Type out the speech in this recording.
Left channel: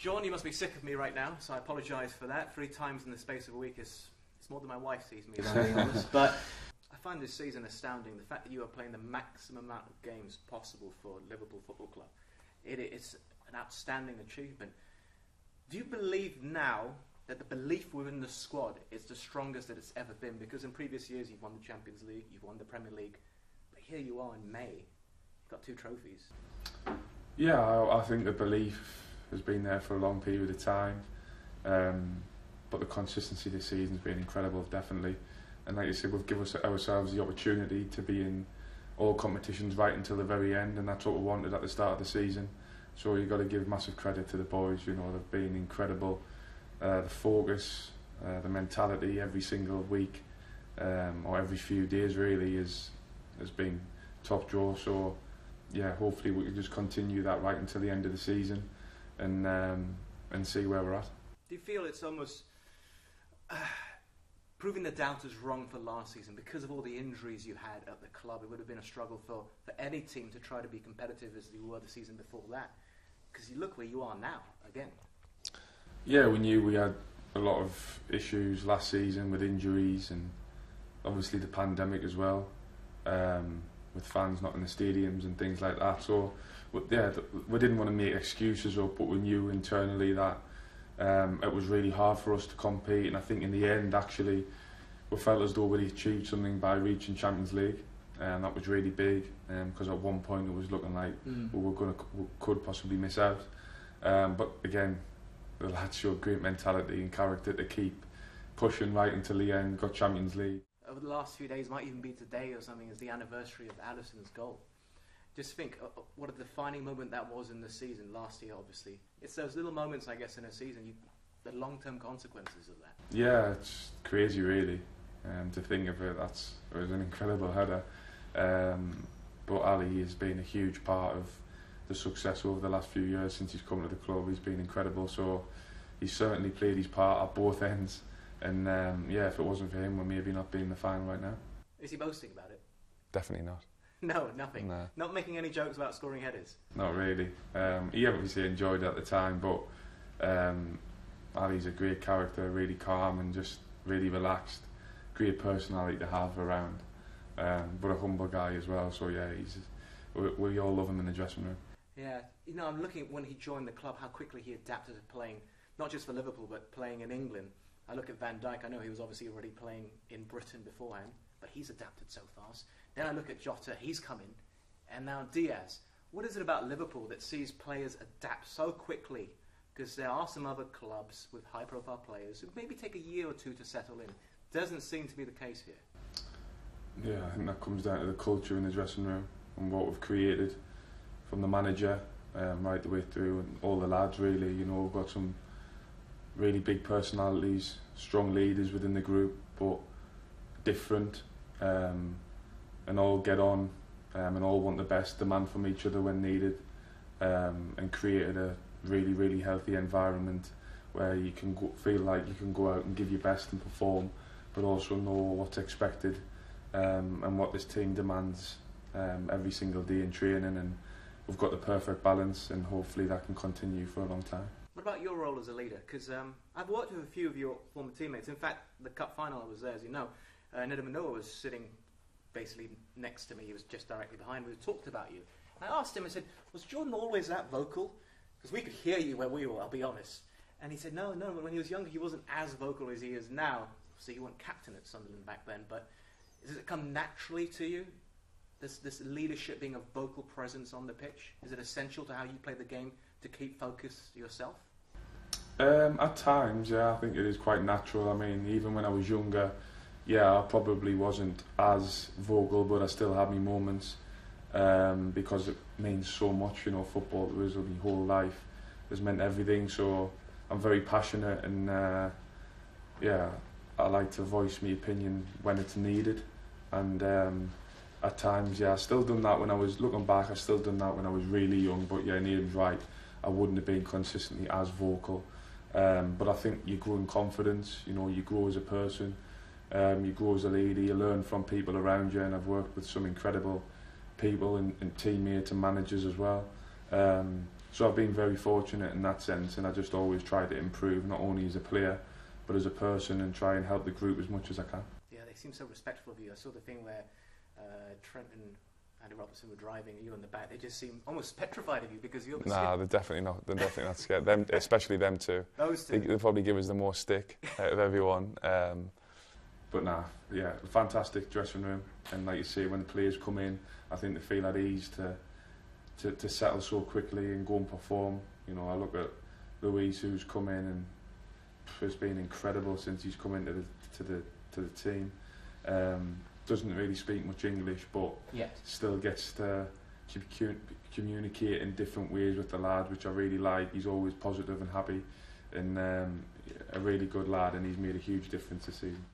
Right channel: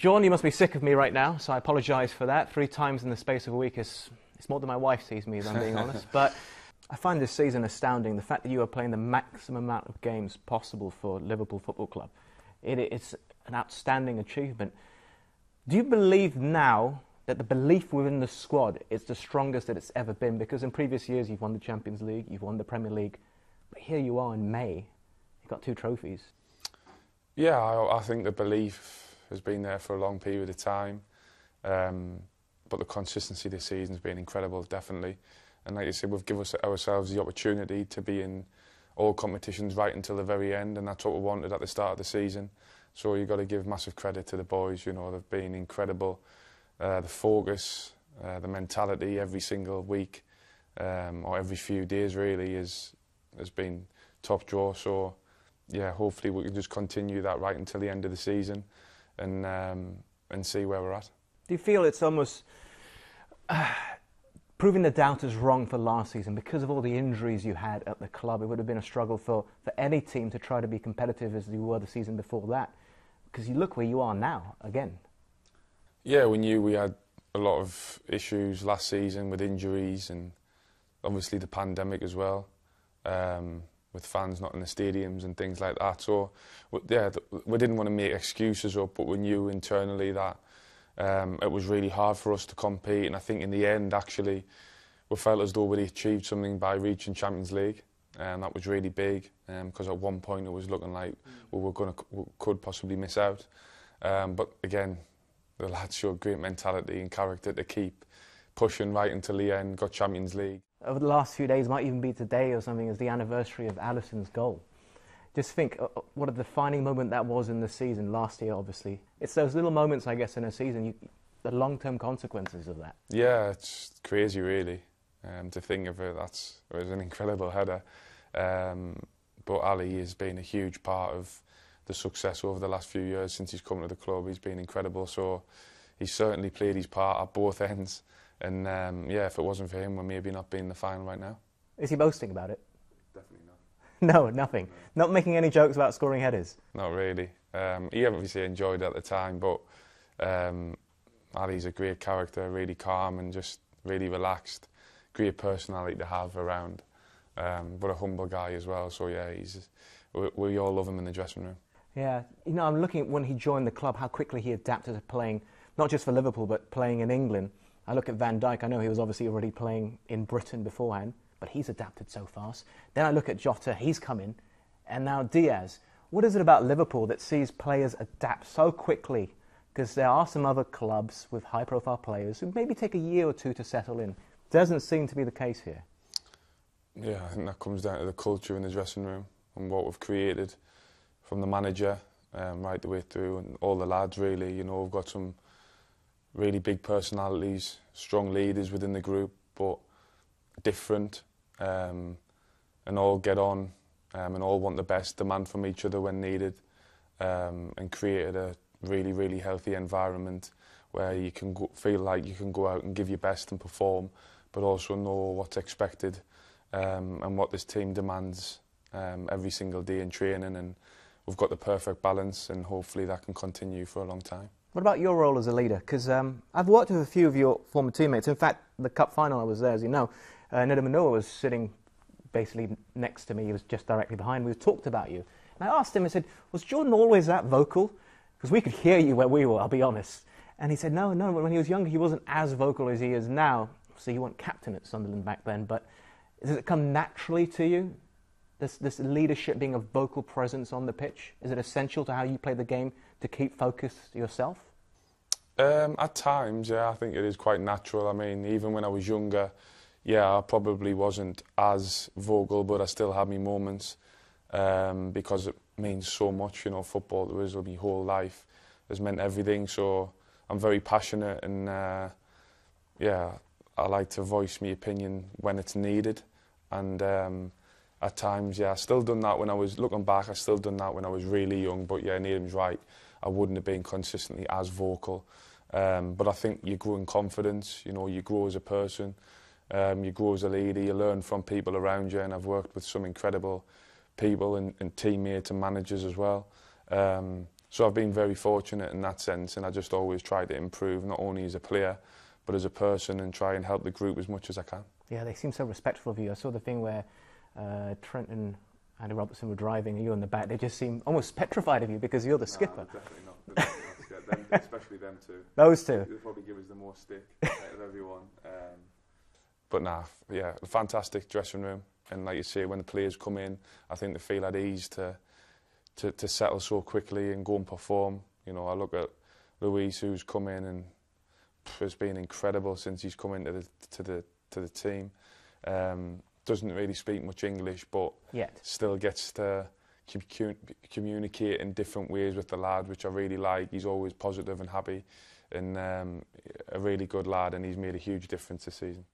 John, you must be sick of me right now, so I apologise for that. 3 times in the space of a week is more than my wife sees me, if I'm being honest. But I find this season astounding. The fact that you are playing the maximum amount of games possible for Liverpool Football Club. It's an outstanding achievement. Do you believe now that the belief within the squad is the strongest that it's ever been? Because in previous years you've won the Champions League, you've won the Premier League, but here you are in May, you've got 2 trophies. Yeah, I think the belief has been there for a long period of time, but the consistency this season's been incredible, definitely. And like you said, we've given ourselves the opportunity to be in all competitions right until the very end, and that's what we wanted at the start of the season. So you've got to give massive credit to the boys. You know, they've been incredible. The focus, the mentality every single week, or every few days really, has been top draw. So yeah, hopefully we can just continue that right until the end of the season, and see where we're at. Do you feel it's almost proving the doubters wrong for last season because of all the injuries you had at the club? It would have been a struggle for any team to try to be competitive as you were the season before that, because you look where you are now again. Yeah, we knew we had a lot of issues last season with injuries and obviously the pandemic as well, with fans not in the stadiums and things like that. So yeah, we didn't want to make excuses up, but we knew internally that it was really hard for us to compete, and I think in the end actually we felt as though we achieved something by reaching Champions League, and that was really big, because at one point it was looking like we could possibly miss out, but again the lads showed great mentality and character to keep pushing right until the end, got Champions League. Over the last few days, might even be today or something, is the anniversary of Alissons' goal. Just think what a defining moment that was in the season last year, obviously. It's those little moments, I guess, in a season, the long-term consequences of that. Yeah, it's crazy, really, to think of it. It was an incredible header. But Ali has been a huge part of the success over the last few years since he's come to the club. He's been incredible, so he's certainly played his part at both ends. And yeah, if it wasn't for him, we'd maybe not be in the final right now. Is he boasting about it? Definitely not. No, nothing. No. Not making any jokes about scoring headers? Not really. He obviously enjoyed it at the time, but Ali's a great character, really calm and just really relaxed. Great personality to have around, but a humble guy as well. So yeah, we all love him in the dressing room. Yeah, you know, I'm looking at when he joined the club, how quickly he adapted to playing, not just for Liverpool, but playing in England. I look at Van Dijk, I know he was obviously already playing in Britain beforehand, but he's adapted so fast. Then I look at Jota, he's come in, and now Diaz. What is it about Liverpool that sees players adapt so quickly? Because there are some other clubs with high-profile players who maybe take a year or 2 to settle in. Doesn't seem to be the case here. Yeah, I think that comes down to the culture in the dressing room and what we've created from the manager right the way through, and all the lads really. You know, we've got some really big personalities, strong leaders within the group, but different, and all get on, and all want the best, demand from each other when needed, and created a really, really healthy environment where you can feel like you can go out and give your best and perform, but also know what's expected, and what this team demands every single day in training, and we've got the perfect balance, and hopefully that can continue for a long time. What about your role as a leader? Because I've worked with a few of your former teammates. In fact, the cup final I was there, as you know. Neda Manoa was sitting basically next to me. He was just directly behind me. We talked about you. And I asked him, I said, was Jordan always that vocal? Because we could hear you where we were, I'll be honest. And he said, no, when he was younger, he wasn't as vocal as he is now. So you weren't captain at Sunderland back then, but does it come naturally to you? This leadership, being a vocal presence on the pitch, is it essential to how you play the game to keep focused yourself? At times, yeah, I think it is quite natural. I mean, even when I was younger, yeah, I probably wasn't as vocal, but I still had my moments, because it means so much. You know, football to us, my whole life has meant everything. So I'm very passionate, and yeah, I like to voice my opinion when it's needed. And at times, yeah, I still done that when I was looking back. I still done that when I was really young. But yeah, Neil's right. I wouldn't have been consistently as vocal. But I think you grow in confidence. You know, you grow as a person. You grow as a leader. You learn from people around you. And I've worked with some incredible people and teammates and managers as well. So I've been very fortunate in that sense, and I just always try to improve, not only as a player, but as a person, and try and help the group as much as I can. Yeah, they seem so respectful of you. I saw the thing where Trent and Andy Robertson were driving, and you in the back. They just seem almost petrified of you because you're the skipper. Nah, they're definitely not. They're definitely not scared. Them, especially them two. Those two. They'll probably give us the more stick out of everyone. But nah, yeah, a fantastic dressing room. And like you say, when the players come in, I think they feel at ease to settle so quickly and go and perform. You know, I look at Luis, who's come in, and it's been incredible since he's come into the team. Doesn't really speak much English, but still gets to communicate in different ways with the lads, which I really like. He's always positive and happy, and a really good lad, and he's made a huge difference this season.